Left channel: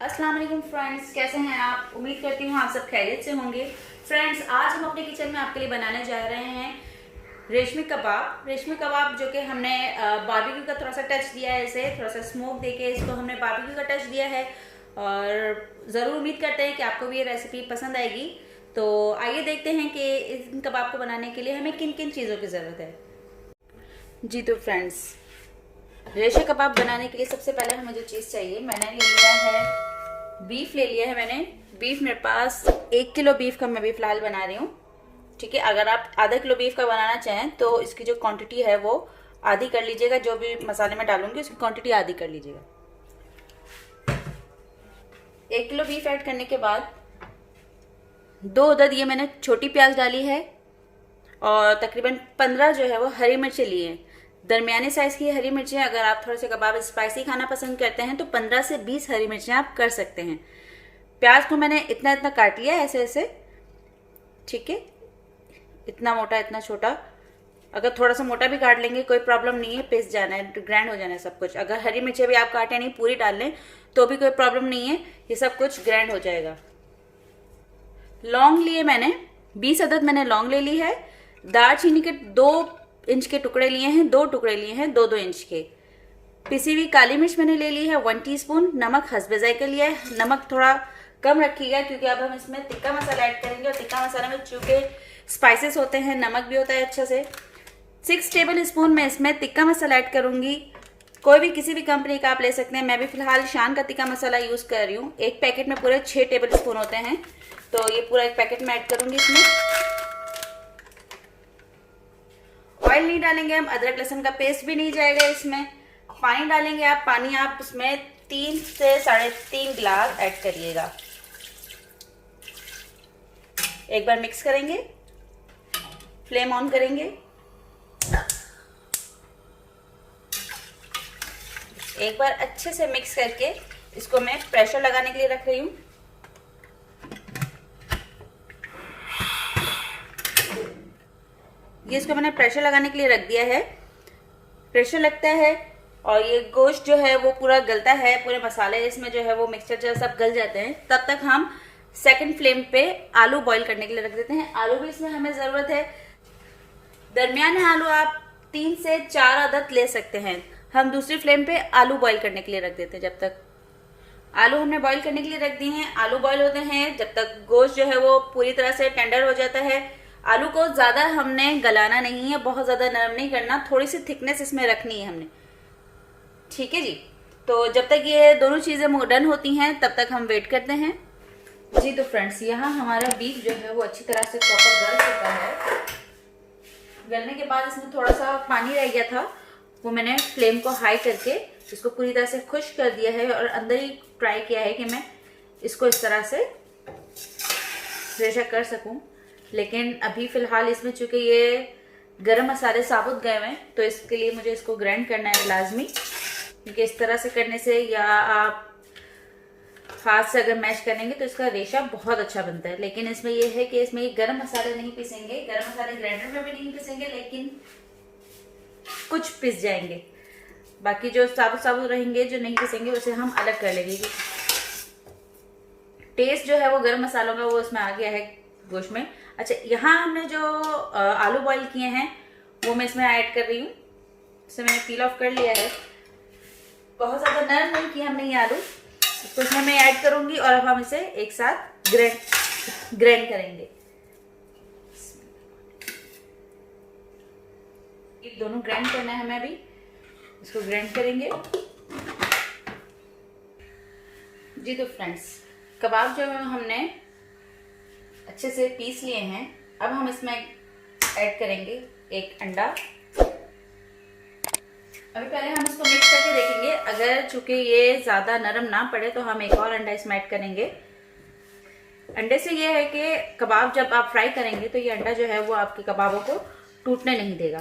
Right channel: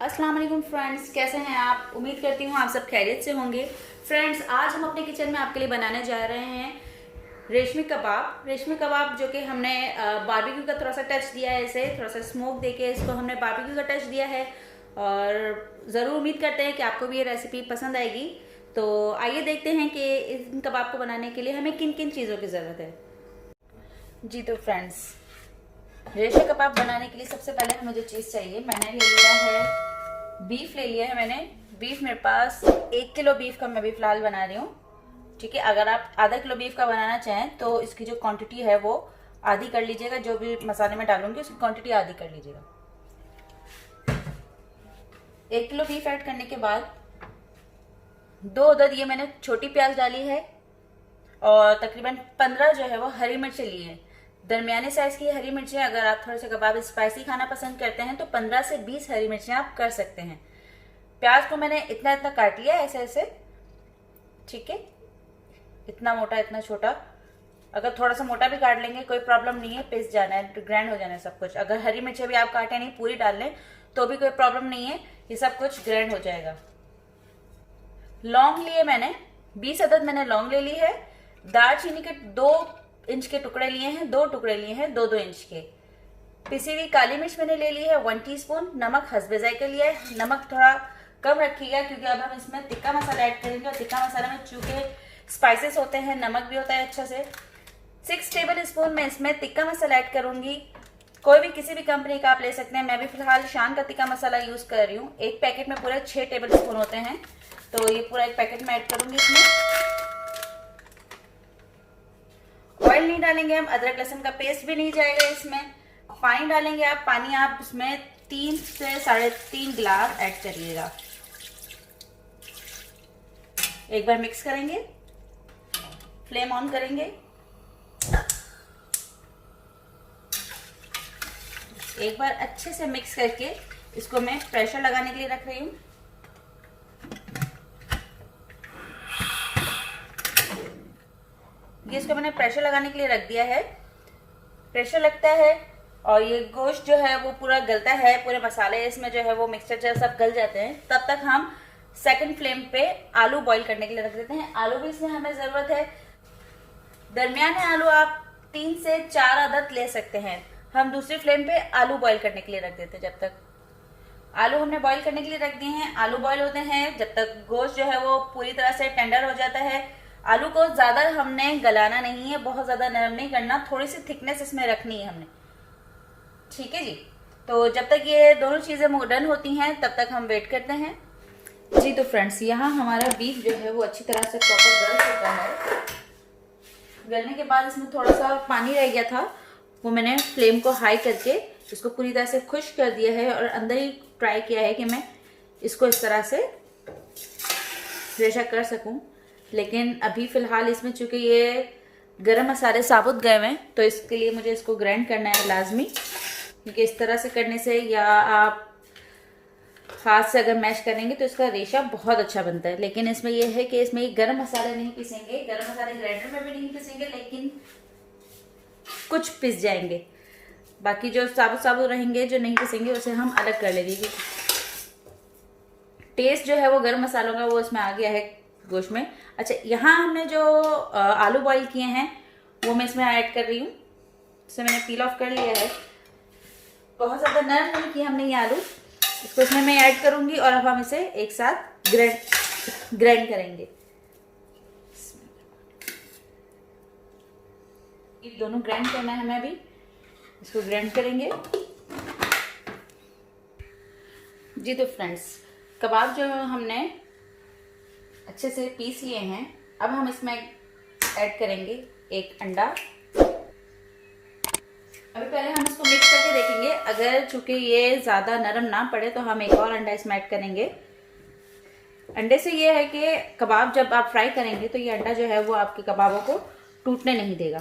अस्सलाम वालेकुम फ्रेंड्स, कैसे हैं आप। उम्मीद करती हूँ आप सब खैरियत से होंगे। फ्रेंड्स, आज हम अपने किचन में आपके लिए बनाने जा रहे हैं रेशमी कबाब। रेशमी कबाब जो कि हमने बारबेक्यू का थोड़ा सा टच दिया है, इसे थोड़ा सा स्मोक देके इसको हमने बारबेक्यू का टच दिया है और ज़रूर उम्मीद करते हैं कि आपको भी ये रेसिपी पसंद आएगी। तो आइए देखते हैं कि इन कबाब को बनाने के लिए हमें किन किन चीज़ों की ज़रूरत है। जी तो फ्रेंड्स, रेशमी कबाब बनाने के लिए सबसे पहले हमें जो चीज़ चाहिए, मैंने ले लिया है बीफ ले लिया है। मैंने बीफ, मेरे पास 1 किलो बीफ का मैं भी फिलहाल बना रही हूँ। ठीक है, अगर आप आधा किलो बीफ का बनाना चाहें तो इसकी जो क्वांटिटी है वो आधी कर लीजिएगा। जो भी मसाले में डालूंगी उसकी क्वांटिटी आधी कर लीजिएगा। 1 किलो बीफ ऐड करने के बाद 2 अदद ये मैंने छोटी प्याज डाली है और तकरीबन 15 जो है वो हरी मिर्चें ली हैं। दरमियाने साइज की हरी मिर्चें, अगर आप थोड़ा सा कबाब स्पाइसी खाना पसंद करते हैं तो 15 से 20 हरी मिर्चें आप कर सकते हैं। प्याज को मैंने इतना इतना काट लिया ऐसे ऐसे, ठीक है, इतना मोटा इतना छोटा। अगर थोड़ा सा मोटा भी काट लेंगे कोई प्रॉब्लम नहीं है, पिस जाना है, ग्राइंड हो जाना है सब कुछ। अगर हरी मिर्चें भी आप काटे नहीं पूरी डाल लें तो भी कोई प्रॉब्लम नहीं है, ये सब कुछ ग्राइंड हो जाएगा। लौंग लिए मैंने 20 अदद मैंने लौंग ले ली है। दालचीनी के 2 इंच के टुकड़े लिए हैं, 2 टुकड़े लिए हैं 2-2 इंच के। पिसी हुई काली मिर्च मैंने ले ली है 1 टीस्पून। नमक हस्बे जायके लिया है, नमक थोड़ा कम रखिएगा क्योंकि अब हम इसमें तिक्का मसाला ऐड करेंगे और तिक्का मसाला में चूंकि स्पाइसेस होते हैं, नमक भी होता है अच्छा से। 6 टेबल स्पून मैं इसमें तिक्का मसाला ऐड करूंगी। कोई भी किसी भी कंपनी का आप ले सकते हैं, मैं भी फिलहाल शान का तिक्का मसाला यूज कर रही हूँ। एक पैकेट में पूरे 6 टेबल स्पून होते हैं, तो ये पूरा एक पैकेट में ऐड करूंगी इसमें। ऑयल नहीं डालेंगे हम, अदरक लहसुन का पेस्ट भी नहीं जाएगा इसमें। पानी डालेंगे आप, पानी आप इसमें 3 से 3.5 गिलास ऐड करिएगा। एक बार मिक्स करेंगे, फ्लेम ऑन करेंगे। एक बार अच्छे से मिक्स करके इसको मैं प्रेशर लगाने के लिए रख रही हूँ। ये इसको मैंने प्रेशर लगाने के लिए रख दिया है। प्रेशर लगता है और ये गोश्त जो है वो पूरा गलता है, पूरे मसाले इसमें जो है वो मिक्सचर जो सब गल जाते हैं, तब तक हम सेकंड फ्लेम पे आलू बॉईल करने के लिए रख देते हैं। आलू भी इसमें हमें जरूरत है। दरमियाने आलू आप 3 से 4 अदद ले सकते हैं। हम दूसरी फ्लेम पे आलू बॉईल करने के लिए रख देते हैं। जब तक आलू हमने बॉईल करने के लिए रख दिए हैं, आलू बॉईल होते हैं, जब तक गोश्त जो है वो पूरी तरह से टेंडर हो जाता है। आलू को ज्यादा हमने गलाना नहीं है, बहुत ज्यादा नरम नहीं करना, थोड़ी सी थिकनेस इसमें रखनी है हमने। ठीक है जी, तो जब तक ये दोनों चीजें डन होती हैं तब तक हम वेट करते हैं। जी तो फ्रेंड्स, यहाँ हमारा बीफ जो है वो अच्छी तरह से प्रॉपर गल चुका है। गलने के बाद इसमें थोड़ा सा पानी रह गया था, वो मैंने फ्लेम को हाई करके इसको पूरी तरह से खुश्क कर दिया है और अंदर ही ट्राई किया है कि मैं इसको इस तरह से रेशा कर सकूं। लेकिन अभी फिलहाल इसमें चूंकि ये गरम मसाले साबुत गए हैं तो इसके लिए मुझे इसको ग्राइंड करना है लाजमी, क्योंकि इस तरह से करने से या आप हाथ से अगर मैश करेंगे तो इसका रेशा बहुत अच्छा बनता है। लेकिन इसमें यह है कि इसमें गरम मसाले नहीं पीसेंगे, गरम मसाले ग्राइंडर में भी नहीं पीसेंगे, लेकिन कुछ पिस जाएंगे। बाकी जो साबुत साबुत रहेंगे जो नहीं पिसेंगे उसे हम अलग कर लेंगे। टेस्ट जो है वो गरम मसालों का वो इसमें आ गया है गोश्त में। अच्छा, यहाँ हमने जो आलू बॉईल किए हैं वो मैं इसमें ऐड कर रही हूँ। इसे मैंने पील ऑफ कर लिया है, बहुत ज्यादा नरम नहीं किया हमने ये आलू। इसको इसमें मैं ऐड करूंगी और अब हम इसे एक साथ ग्राइंड करेंगे। ये दोनों ग्राइंड करना है हमें, अभी इसको ग्राइंड करेंगे। जी तो फ्रेंड्स, कबाब जो हमने अच्छे से पीस लिए हैं, अब हम इसमें ऐड करेंगे एक अंडा। अभी पहले हम इसको मिक्स करके देखेंगे, अगर चूंकि ये ज्यादा नरम ना पड़े तो हम एक और अंडा इसमें ऐड करेंगे। अंडे से ये है कि कबाब जब आप फ्राई करेंगे तो ये अंडा जो है वो आपके कबाबों को टूटने नहीं देगा,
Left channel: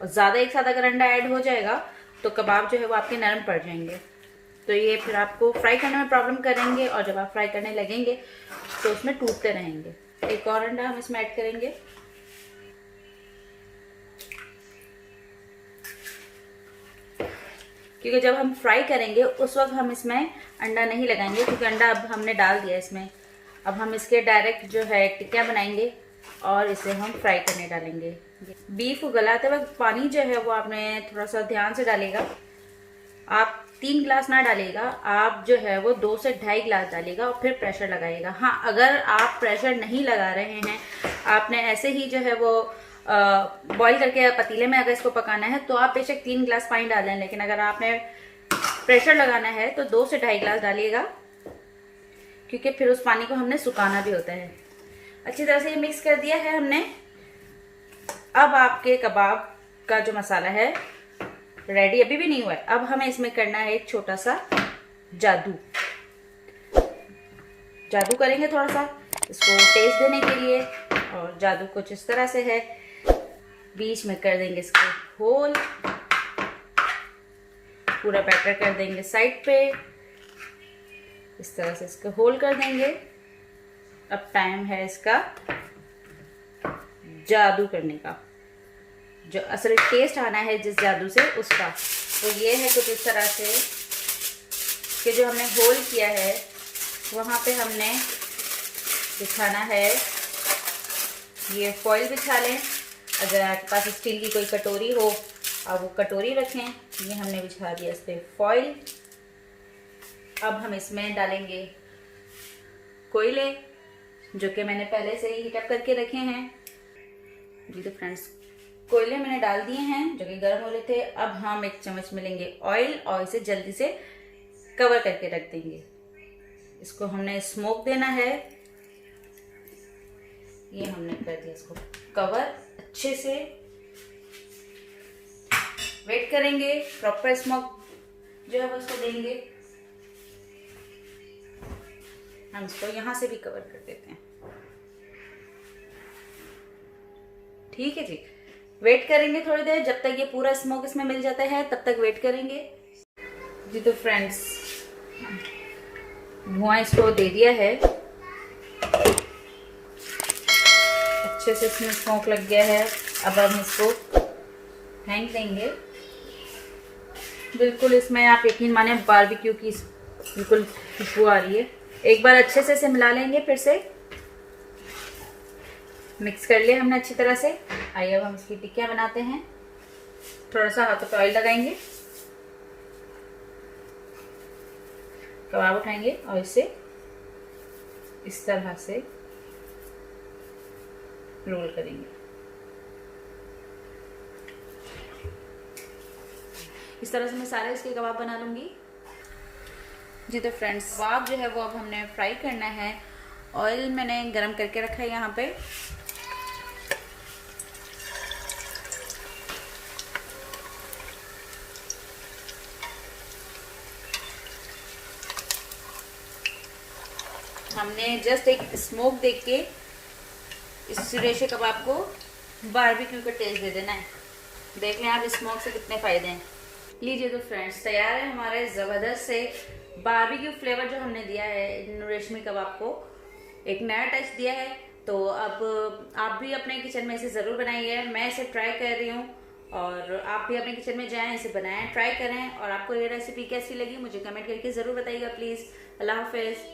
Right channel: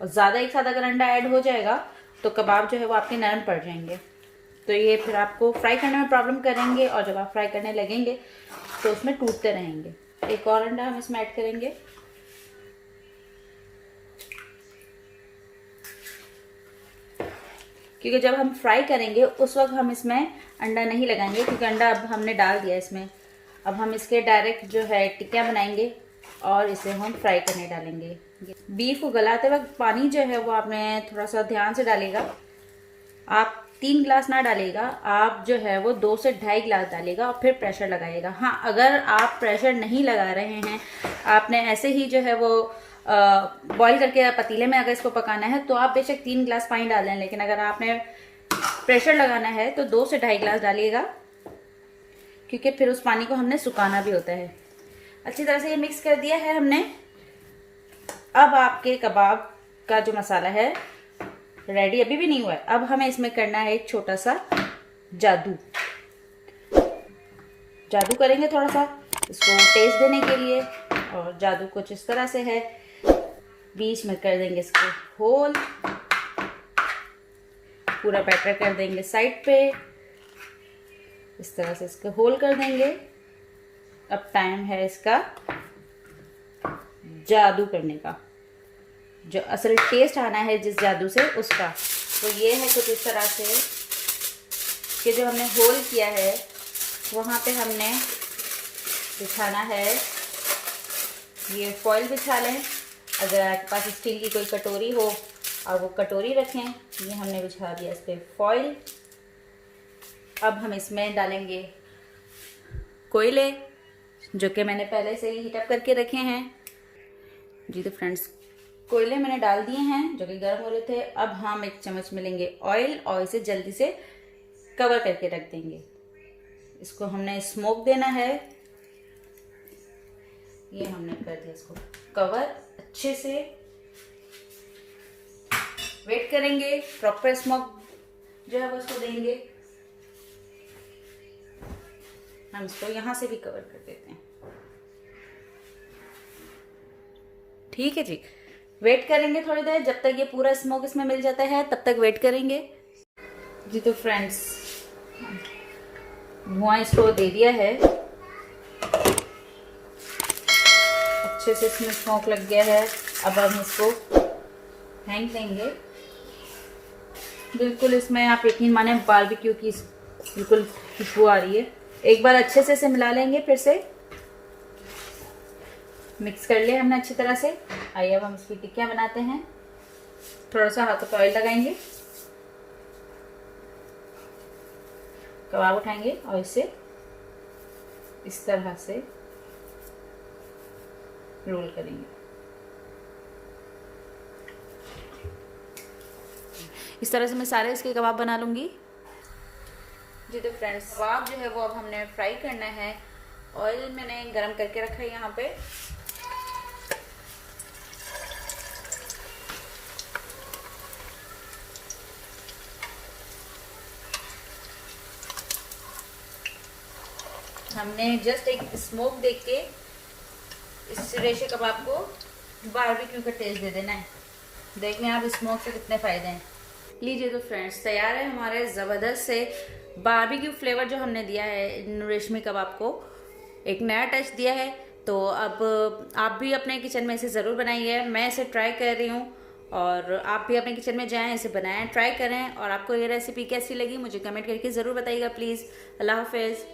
और ज्यादा एक साथ अगर अंडा ऐड हो जाएगा तो कबाब जो है वो आपके नरम पड़ जाएंगे, तो ये फिर आपको फ्राई करने में प्रॉब्लम करेंगे और जब आप फ्राई करने लगेंगे तो उसमें टूटते रहेंगे। एक और अंडा हम इसमें ऐड करेंगे। क्योंकि जब हम फ्राई करेंगे उस वक्त हम इसमें अंडा नहीं लगाएंगे क्योंकि अंडा अब हमने डाल दिया इसमें। अब हम इसके डायरेक्ट जो है टिक्कियाँ बनाएंगे और इसे हम फ्राई करने डालेंगे। बीफ को गलाते वक्त पानी जो है वो आपने थोड़ा सा ध्यान से डालेगा। आप 3 गिलास ना डालेगा, आप जो है वो 2 से 2.5 गिलास डालेगा और फिर प्रेशर लगाइएगा। हाँ, अगर आप प्रेशर नहीं लगा रहे हैं, आपने ऐसे ही जो है वो बॉईल करके पतीले में अगर इसको पकाना है तो आप बेशक 3 गिलास पानी डाल दें, लेकिन अगर आपने प्रेशर लगाना है तो 2 से 2.5 गिलास डालिएगा, क्योंकि फिर उस पानी को हमने सुखाना भी होता है। अच्छी तरह से ये मिक्स कर दिया है हमने। अब आपके कबाब का जो मसाला है रेडी अभी भी नहीं हुआ है। अब हमें इसमें करना है एक छोटा सा जादू करेंगे थोड़ा सा इसको टेस्ट देने के लिए। और जादू कुछ इस तरह से है, बीच में कर देंगे इसको होल, पूरा बैटर कर देंगे साइड पे, इस तरह से इसको होल कर देंगे। अब टाइम है इसका जादू करने का, जो असल टेस्ट आना है जिस जादू से उसका। तो ये है कुछ इस तरह से कि जो हमने होल किया है वहाँ पे हमने बिछाना है, ये फॉइल बिछा लें। अगर आपके पास स्टील की कोई कटोरी हो आप वो कटोरी रखें। ये हमने बिछा दिया इस पर फॉइल। अब हम इसमें डालेंगे कोयले, जो कि मैंने पहले से ही हीटअप करके रखे हैं। जी तो फ्रेंड्स, कोयले मैंने डाल दिए हैं जो कि गर्म हो रहे थे। अब हम 1 चम्मच मिलेंगे ऑयल और इसे जल्दी से कवर करके रख देंगे। इसको हमने स्मोक देना है। ये हमने कर दिया इसको कवर अच्छे से। वेट करेंगे, प्रॉपर स्मोक जो है वो उसको देंगे। हम इसको यहां से भी कवर कर देते हैं। ठीक है जी, वेट करेंगे थोड़ी देर, जब तक ये पूरा स्मोक इसमें मिल जाता है तब तक वेट करेंगे। जी तो फ्रेंड्स, धुआं इसको दे दिया है, अच्छे से इसमें स्मोक लग गया है। अब हम इसको हैंग देंगे। बिल्कुल इसमें आप यकीन माने बारबेक्यू की बिल्कुल खुशबू आ रही है। एक बार अच्छे से इसे मिला लेंगे, फिर से मिक्स कर लिया हमने अच्छी तरह से। आइए अब हम इसकी टिक्कियाँ बनाते हैं। थोड़ा सा हाथों पे ऑयल लगाएंगे, कबाब उठाएंगे और इसे इस तरह से रोल करेंगे। इस तरह से मैं सारे इसके कबाब बना लूंगी। जी तो फ्रेंड्स, कबाब जो है वो अब हमने फ्राई करना है। ऑयल मैंने गरम करके रखा है यहाँ पे। हमने जस्ट एक स्मोक देख के इस रेशे कबाब को बारबेक्यू का टेस्ट दे देना है। देख लें आप इस स्मोक से कितने फायदे हैं। लीजिए तो फ्रेंड्स, तैयार है हमारे ज़बरदस्त से बारबेक्यू फ्लेवर जो हमने दिया है इन रेशमी कबाब को, एक नया टच दिया है। तो अब आप भी अपने किचन में इसे ज़रूर बनाइए। मैं इसे ट्राई कर रही हूँ और आप भी अपने किचन में जाएं, इसे बनाएं, ट्राई करें। और आपको ये रेसिपी कैसी लगी मुझे कमेंट करके ज़रूर बताइएगा प्लीज़। अल्लाह हाफिज़।